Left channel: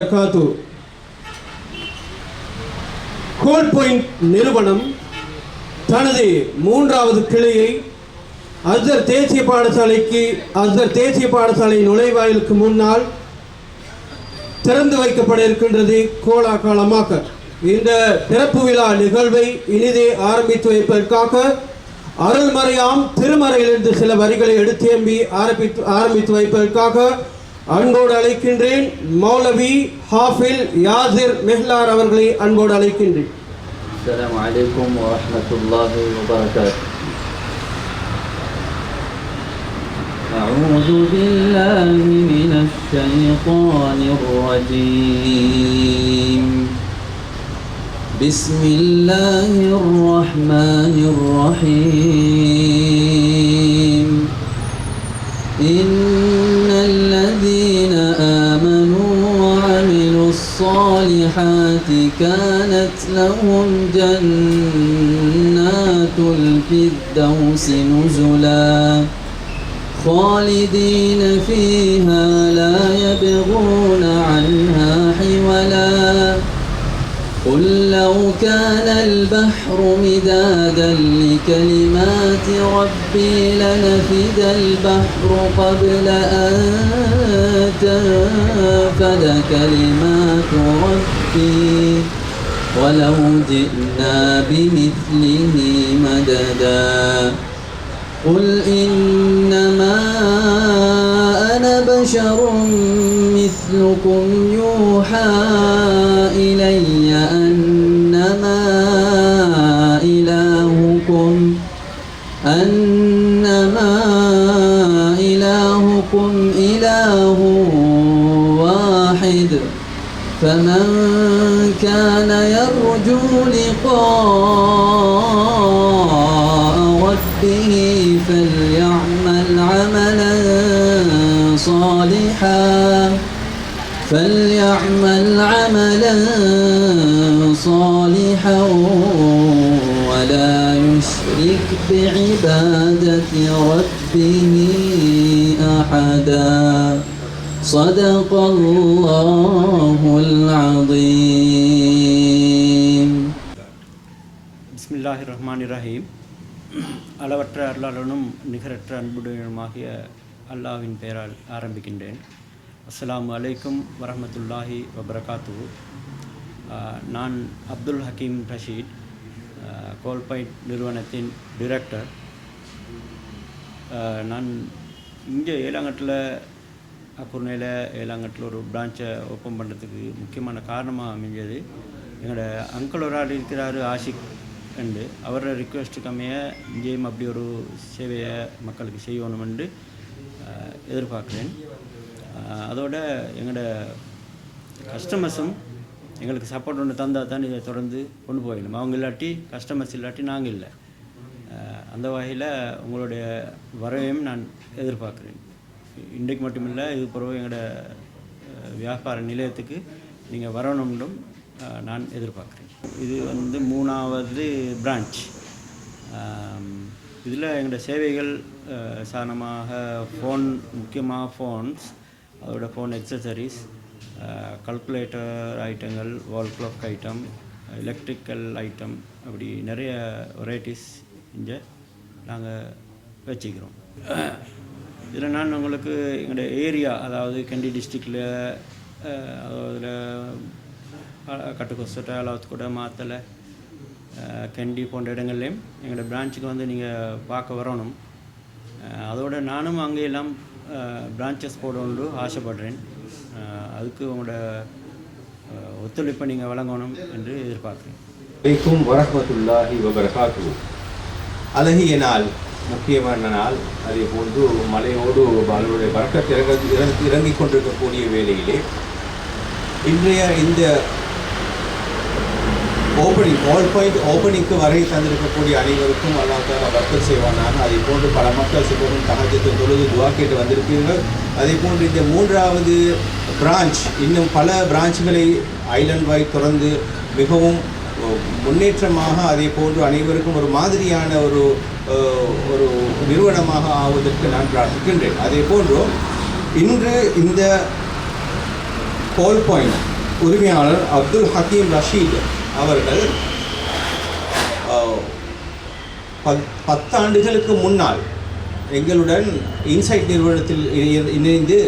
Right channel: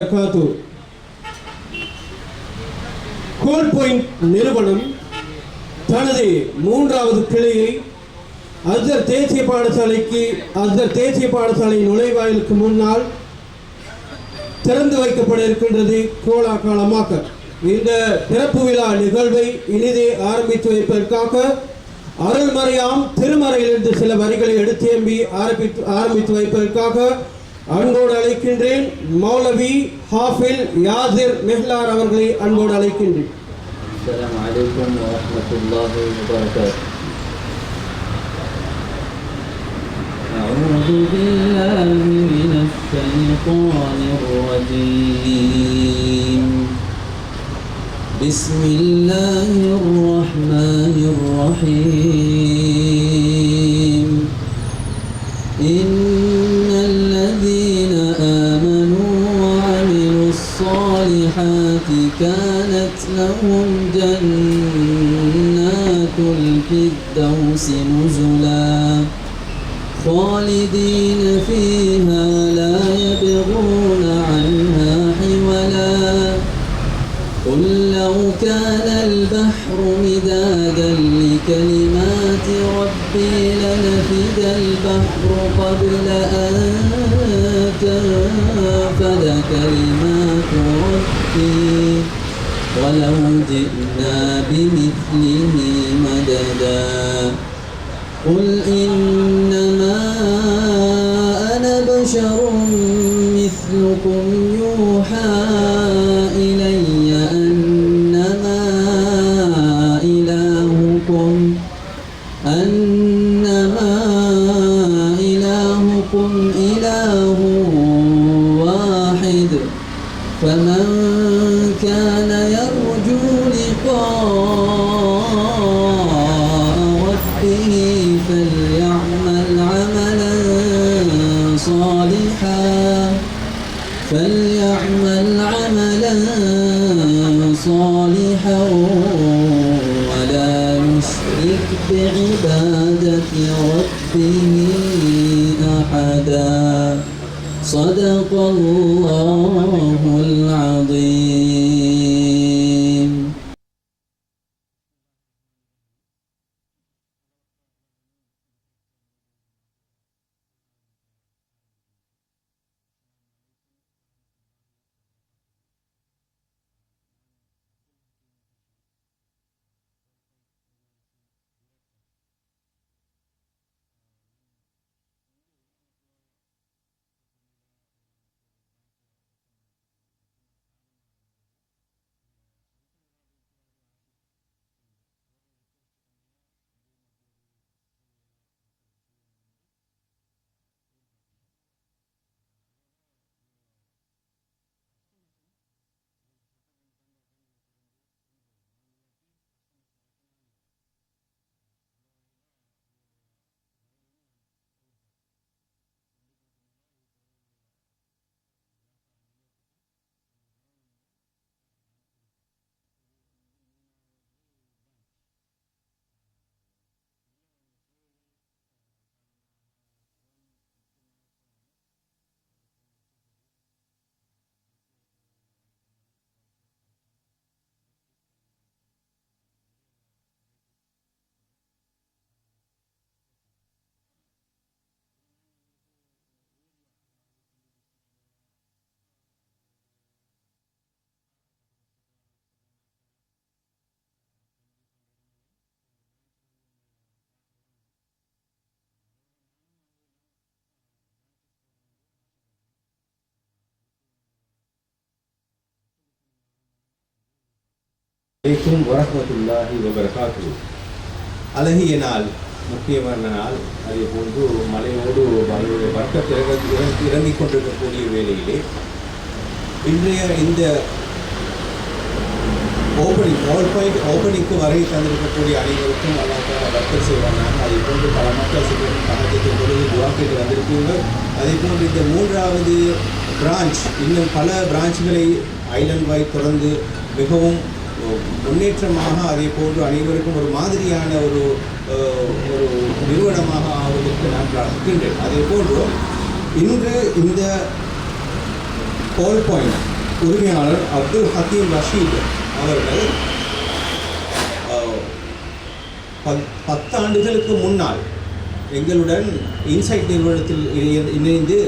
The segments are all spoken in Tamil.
கோல் பாயிண்ட் நிறுவனம் தனது மூன்றாவது கிளையை அஸ்ஹர் தேசிய பாடசாலை நுழைவாயிலுக்கு முன்னால் திறந்து வைக்கப்பட இருக்கின்றது. கோலாகாலமாக இந்த திறப்பு விழா நிகழ்வை இனிதே ஆரம்பித்து வைப்பதற்காக அருள்மறையாம் திருமறையிலிருந்து சில வரிகளை எடுத்தேம்பி ஆரம்பித்து வைப்பதற்காக அன்போடு அழைக்கின்றேன். மௌலவி ஹாஃபில் யாசிர் மெஹ்லார் அவர்களை அன்போடு அழைக்கின்றேன். அஸ்ஸலாமு அலைக்கும் வரஹ்மத்துல்லாஹி வபரகாத்துஹு. أعوذ بالله من الشيطان الرجيم. بسم الله الرحمن الرحيم. إن الذين آمنوا وعملوا الصالحات كانت لهم جنات الفردوس نزلا خالدين فيها لا يبغون عنها حولا قل لو كان البحر مدادا لكلمات ربي لنفد البحر قبل أن تنفد كلمات ربي ولو جئنا بمثله مددا قل إنما أنا بشر مثلكم يوحى إلي أنما إلهكم إله واحد فمن كان يرجو لقاء ربه فليعمل عملا صالحا ولا يشرك بعبادة ربه أحدا صدق الله العظيم. بسم الله الرحمن الرحيم. அளவற்ற அருளாளனும் நிகரற்ற அன்புடையனுமாகிய அல்லாஹ்வின் பெயரால் ஆரம்பிக்கின்றேன். அஸ்ஸலாமு அலைக்கும் வரஹ்மத்துல்லாஹி வபரகாத்துஹு. நான் அப்துல் ஹக்கீம் ரஷீத், கோல்பாயிண்ட் நிறுவனத்தின் டிரெக்டர். நான் இங்கே ஏலாங்கட்டில் அக்குர்ணையில் ஏலாங்கட்டில் ஒரு பிரான்ச்சை ஓப்பன் பண்ணுறதுக்கு முக்கியமான காரணமாக அமைஞ்சது எங்களோட அங்கிள் ஒரு ஆள் இருக்கிறார் ஆஷிக் என்று. அவரோட ரிக்வெஸ்ட்டுக்கு அமைய இங்கேயும் அப்படி ஒரு சேவையை மக்களுக்கு செய்யணுமென்று எதிர்பார்க்குறேன். அதோட எங்களோட கஸ்டமர்ஸும் எங்களுக்கு சப்போர்ட் ஒன்று தந்தால் தான் இதை தொடர்ந்து கொண்டு போயிடணும். அவங்க இல்லாட்டி கஸ்டமர்ஸ் இல்லாட்டி நாங்கள் இல்லை. அந்த வகையில் உங்களுடைய வரவையும் நான் எதிர்பார்க்குறேன். இன்றைக்கு மட்டுமில்லை, இது பிறகு எங்களோட வியாபார நிலையத்துக்கு நீங்கள் வரணும்னும் நான் எதிர்பார்க்குறேன். இது வந்து 3வது பிரான்ச். இதில் எங்களோட சேவைகள் சாதாரணமாக ஃபோன், முக்கியமாக ஃபோன்ஸ், அதோட ஃபோன் எக்ஸசரிஸ், கல்குலேட்டர் ஐட்டங்கள், wall clock item, electrical item, அப்படி நிறைய வெரைட்டிஸ் இங்கே நாங்கள் வச்சுக்கிறோம். இதில் நான் உங்களுக்கு எங்களோட ஏரியா, அதாவது கண்டி டிஸ்ட்ரிக்டில், அதில் கட்டுக்கொஸ்டை, அளவுக்கூட, மாத்தலை, கண்டி போன்ற இடங்கள்லேயும் எங்களோட பிரான்ச்சுக்கு வந்து நீங்கள் பார்க்க வரணும். அதோடு நானும் அங்கேயெல்லாம் பிரான்ச்சஸ் போடணுன்னு ஆசைப்படுறேன். அதுக்கு உங்களோட ஒத்துழைப்பை நீங்கள் வழங்கணும் என்று எதிர்பார்க்குறேன். அலைக்கும் வரஹ்மத்துல்லாஹி வபரகாத்துஹு. அழகிய நாள், முக்கியமான நாள். அதே போன்று மலையோடு அவருடைய பரக்கத் இறங்கிக் கொண்டிருக்கக்கூடிய வேளையிலே இன்றைய இந்த ஓப்பனிங்க்கு வரை தந்திருக்கக்கூடிய அனைவருக்கும் அல்லாஹ் தஆலா பரக்கத் செய்வானாக. அதே போன்று பல மக்கள் சிலரும் தஹஜ்ஜுத் தொழுது துஆ கேட்டு வந்திருப்பீர்கள். அதே போன்று இந்த 3வது பிரான்ச், இன்னும் பல பிரான்ச்களை ஐலண்ட் வைட் தொடர்ந்து மிகவும் முன்னேற்றமாக, அதே போன்று அனைவருக்கும் ஒரு மாதிரியான ஒரு நிறுவனமாக ஆவதற்கு நான் பிரார்த்திக்கின்றேன். அதே போன்று இன்று இந்த கோல் பாயிண்ட் உரிமையாளர் அப்துல் ஹக்கீம் ரஷீத் அவர்கள் 10 ஆண்டுகளுக்கு முன்னால் எங்களுடன் இன்சைட் நிறுவனத்தில் இணைந்து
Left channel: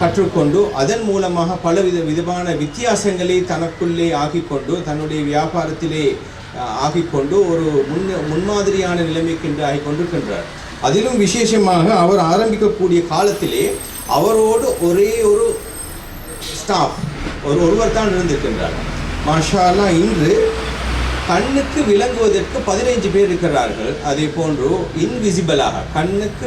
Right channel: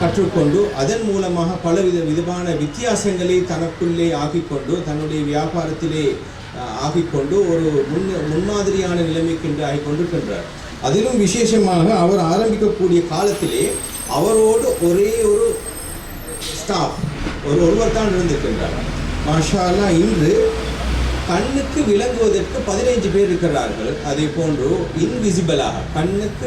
கற்றுக்கொண்டு அதன் மூலமாக விதமான வித்தியாசங்களை தனக்குள்ளே ஆக்கிக்கொண்டு தன்னுடைய வியாபாரத்திலே ஆக்கிக்கொண்டு ஒரு முன்மாதிரியான நிலைமைக்கு என்று ஆகிக்கொண்டிருக்கின்றார். அதிலும் விசேஷமாக அவர் ஆரம்பிக்கக்கூடிய காலத்திலே அவரோடு ஒரே ஒரு ஸ்டாஃப் ஒருவர் தான் இருந்திருக்கின்றார். மாஷா அல்லாஹ், இன்று கண்ணுக்கு விளங்குவதற்கு 15 பேர் இருக்கிறார்கள். அதே போன்று இன்விசிபிளாக கண்ணுக்கு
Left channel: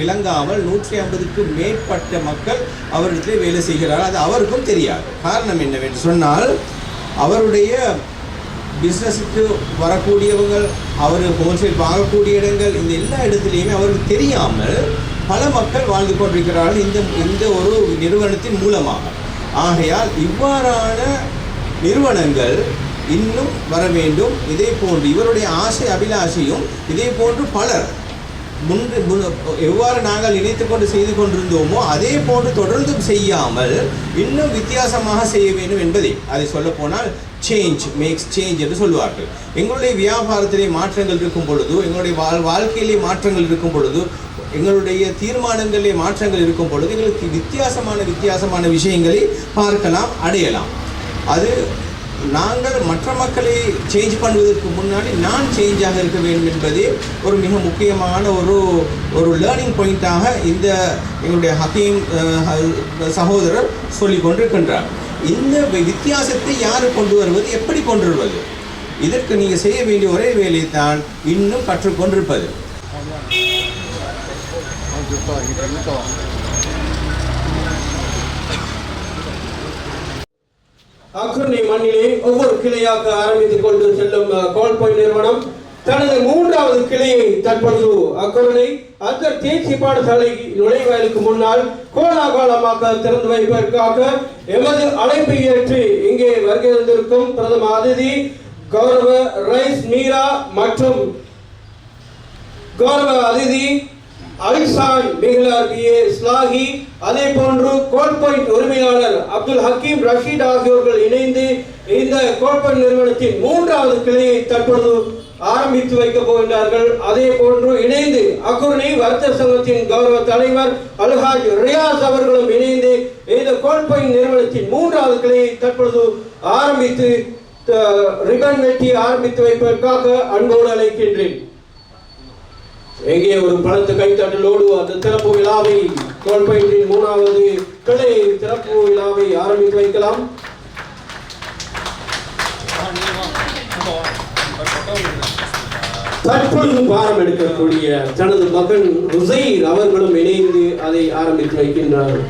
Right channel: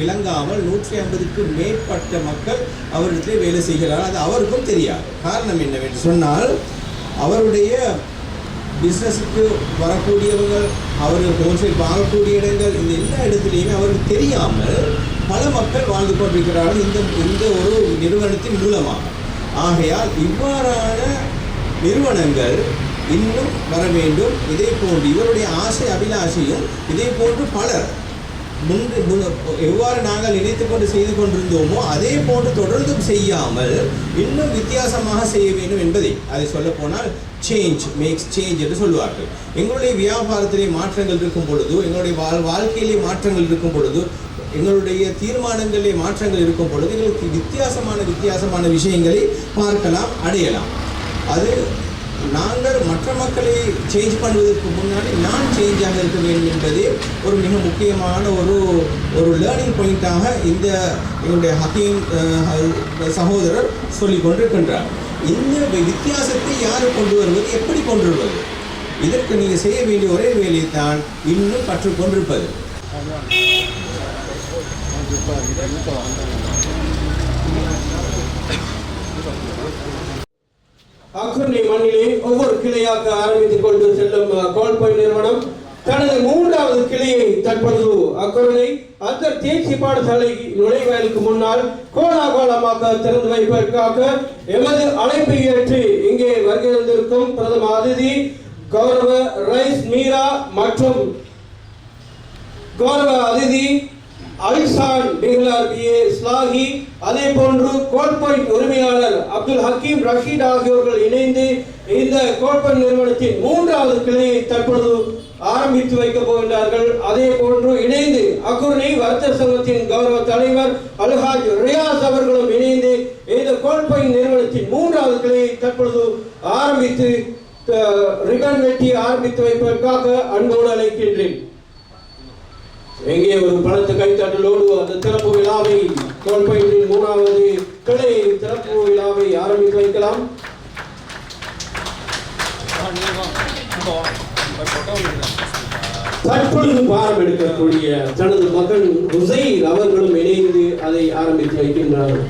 விளங்காமல் 150க்கு மேற்பட்ட மக்கள் அவரிடத்திலே வேலை செய்கிறார்கள். அது அவருக்கும் தெரியாது. காரணம் என்னவென்று சொன்னால், அவருடைய பிஸ்னஸுக்கு வரக்கூடியவர்கள், அவர் ஹோல்சேல் வாங்கக்கூடிய இடங்கள், இந்த எல்லா இடத்துலையுமே அவருக்கு தெரியாமல் பல மக்கள் வாழ்ந்து கொண்டிருக்கிறார்கள் இந்த ஒரு நிறுவனத்தின் மூலமாக. ஆகையால் இவ்வாறான நிறுவனங்கள் இன்னும் வர வேண்டும். இதே போன்று இவருடைய ஆசை அபிலாஷையும் இதே போன்று பலர் எவ்வாறு நாங்கள் நினைத்து கொண்டு செய்து கொண்டிருந்தோமோ அதே போன்று தொடர்ந்தும் செய்யாமல் இன்னும் வித்தியாசமாக செய்ய வேண்டும் என்பதை அதை சொல்ல போனால் சேஞ்ச் மேக்ஸ் சேஞ்ச் என்று சொல்லுவார்கள். எங்களுடைய வியாபாரத்திலே மாற்றங்கள் இருக்கும் பொழுது, எங்களுடைய வாழ்க்கையிலே மாற்றங்கள் இருக்கும் பொழுது, எங்களுடைய தீர்மானங்களிலே மாற்றங்கள் இருக்கும் பொழுது எங்களுக்கு வித்தியாசமான விஷயங்களை பார்க்கலாம், அடையலாம். அது நாங்கள் மற்ற மக்களை சேஞ்ச் பண்ணுவதற்கு முன்னாடி நான் சேஞ்சாக இருக்க வேண்டும் என்பதே ஒரு மிக முக்கியமான ஒரு லேர்னிங் பாயிண்ட்டாக இந்த எங்களுடைய ஹக்கீம் சகோதரர் சொல்லி கொண்டிருக்கின்றார். இந்த வித்தியாசத்தை யார் கொண்டு வருவது, எப்படி கொண்டு வருவது, இதற்கு நீங்கள் செய்ய வேண்டிய ஒரே வேலையை தான் இன்னும் கற்றுக்கொண்டிருப்பது. அக்குர்ணி மண்ணிலே ஒவ்வொரு கிளையாக ஆரம்பித்துக் கொண்டு செல்லும் கோல் பாயிண்ட் நிறுவனம் தனது 3வது கிளையை தற்பொழுது அக்குர்ணி அந்த தேசிய பாடசாலை நுழைவாயிலுக்கு முன்னால் கோலாகலமாக திறந்து வைப்பதற்காக எமது அழைப்பை ஏற்று இங்கே வருகை தந்திருக்கும் பிரதம அதிதி கௌரவ ரைஸ் மீரா மற்றும் கௌரவ அதிதி அலிசான் பிஹ்லார் பிஏ ஸ்லாஹி, அதே போன்று கோல் பாயிண்ட் உரிமையாளர் அப்துல் ஹக்கீம் ரஷீத் ஆகியோர்கள் இணைந்து இந்த கோல் பாயிண்ட் நிறுவனத்தின் 3வது கிளையை தற்பொழுது ஆரம்பித்து வைக்கப் போகின்றார்கள். அதே போன்று இணைந்து அக்குர்ணி வர்த்தக சங்கத்தின் கௌரவ தலைவர் அல்ஹாஜ் ரியாஸ் அவர்களும் இணைந்து இந்த கோல் பாயிண்ட் நிறுவனத்தின் 3வது கிளையை தற்பொழுது ஆரம்பித்து ரிபன் வெட்டி ஆரம்பித்து வைப்பதற்காக அன்போடு அழைக்கின்றேன். எங்கே ஒரு பலத்த கைத்தட்டலோடு அந்த திறப்பு விழாவை கோல் பாயிண்டின் 3வது கிளை திறப்பு விழாவை ஆரம்பித்து வைக்கலாம். தற்பொழுது பாரம் எடுக்கக்கூடிய தனது மகன் ஹுசைன் அவர்களும் இணைந்து அதை ஆரம்பித்து வைக்கின்றார்கள்.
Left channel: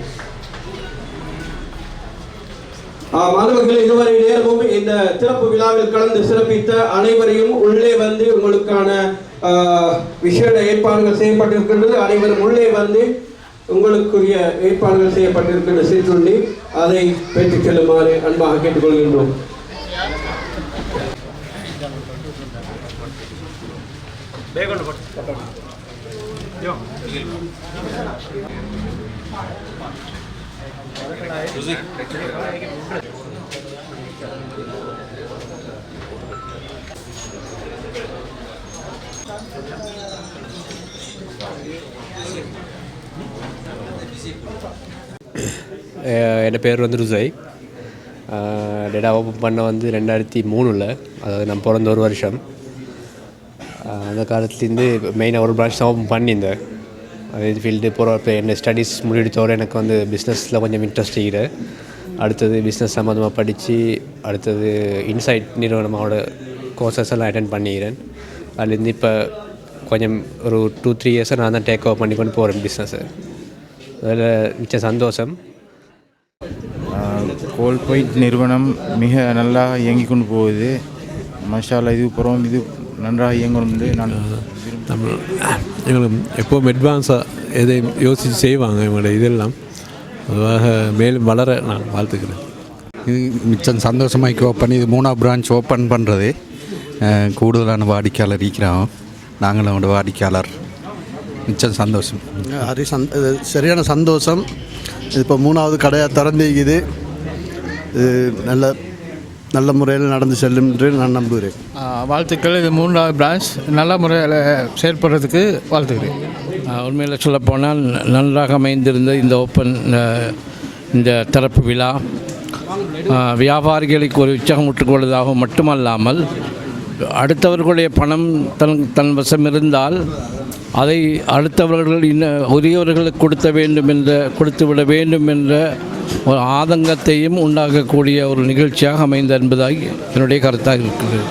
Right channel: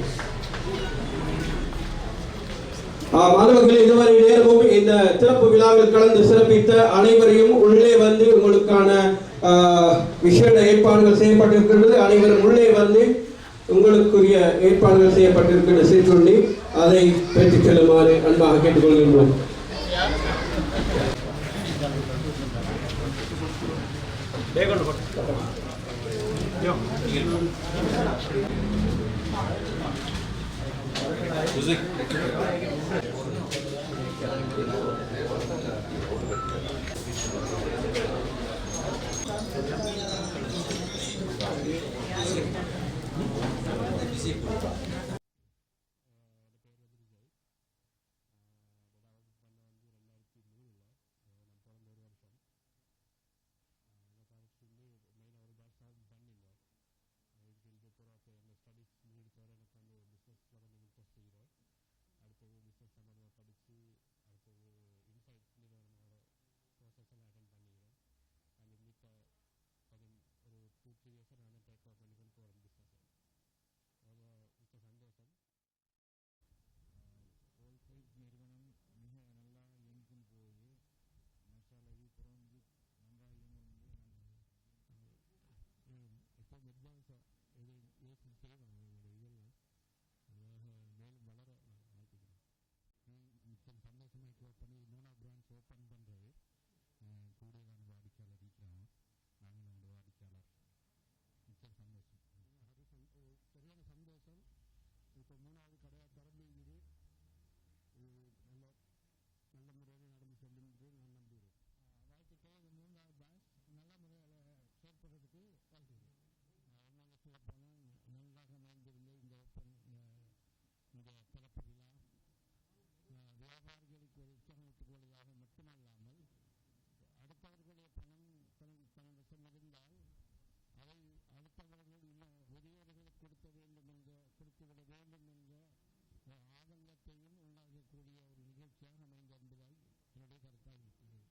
மாணவர்கள் இதுவரை நேரமும் இந்த திறப்பு விழாவில் கலந்து சிறப்பித்த அனைவரையும் உள்ளே வந்து உங்களுக்கான விசேட ஏற்பாடுகள் செய்யப்பட்டிருக்கின்றது. அனைவரும் உள்ளே வந்து உங்களுக்குரிய ஏற்பாடுகள் செய்யப்பட்டிருக்கின்ற சீட்டுண்டி அதை பெற்றுச் செல்லுமாறு அன்பாக கேட்டுக்கொள்கின்றோம். என் பேர் ருசை. டேட்டா ஓப்பன் பண்ண 2003, அதாவது நான் பிறந்த ஒரு வருஷம். அந்த காலத்துலேருந்து மெயினாக ஒரு பிரான்ச் தான் ஓப்பன் பண்ணியிருந்தேன். அது ஃபீல்டு போகிற என்ன ஸ்டடீஸ் முடித்தோட எனக்கு பிஸ்னஸில் கொஞ்சம் இன்ட்ரெஸ்ட் இருக்குது. அடுத்தது பிஸ்னஸ் சம்மந்தமாக படித்து அடுத்தது இன்சைட் நிறுவனமோட கோர்சஸ் எல்லாம் அட்டென்ட் பண்ணிக்கிறேன். அதுலேருந்து இப்போ கொஞ்சம் ஒரு 2-3 இயர்ஸாக நான் தான் டேக் ஓவர் பண்ணி கொண்டு போகிறேன் பிஸ்னஸை. அதில் மிச்ச சந்தோஷம். கோல் பாயிண்ட் நிறுவனம் மிக நல்லா இயங்கி கொண்டு போகுது. மஷாலா, இது புறம் இது நன்றாக இயங்கணும்னு நான் எங்களுக்கு எப்போவும் அட்வான்ஸாக எதையும் யோசித்து செய்வாங்க இவங்களோட இதெல்லாம். அதுவாக மேலும் வளர நான் வாழ்த்துக்கிறேன். இது மிச்சம் சந்தோஷமாக ஓப்பன் இது 3வது பிரான்ச் ஓப்பன் பண்ணுறது. கூடுதலான வாடிக்கையாளர் இருக்கிறோம். நாங்களும் வாடிக்கையாளர். மிச்சம் சந்தோஷம். அது சரியான சந்தோஷம். இப்போ 3வது கடையாக திறந்திருக்குது. இது நல்ல முறையில் நடந்து செல்லும் என்று நான் நம்புகிறேன். வாழ்த்துக்கள். இது 3வது பிரான்ச் நல்ல முறையில் செயல்படுறதுக்கு வாழ்த்துக்கிறேன். உண்மையில் சொல்லப்போனால் நன்றாக அமைந்திருந்த இந்த ஓப்பன் இந்த திறப்பு விழா வியாபாரிகளுக்கு ஒரு உற்சாகமூட்டிக் கொள்வதாக மட்டுமல்லாமல் அடுத்தவர்களுடைய பணம் தன் வசம் இருந்தால் அதை அடுத்தவர்கள் உரியவர்களுக்கு கொடுத்து விட வேண்டும் என்ற ஒரு ஆதங்கத்தையும் உண்டாக்கக்கூடிய ஒரு நிகழ்ச்சியாக அமைந்த என்பதாய் என்னுடைய கருத்தாக இருக்கிறது.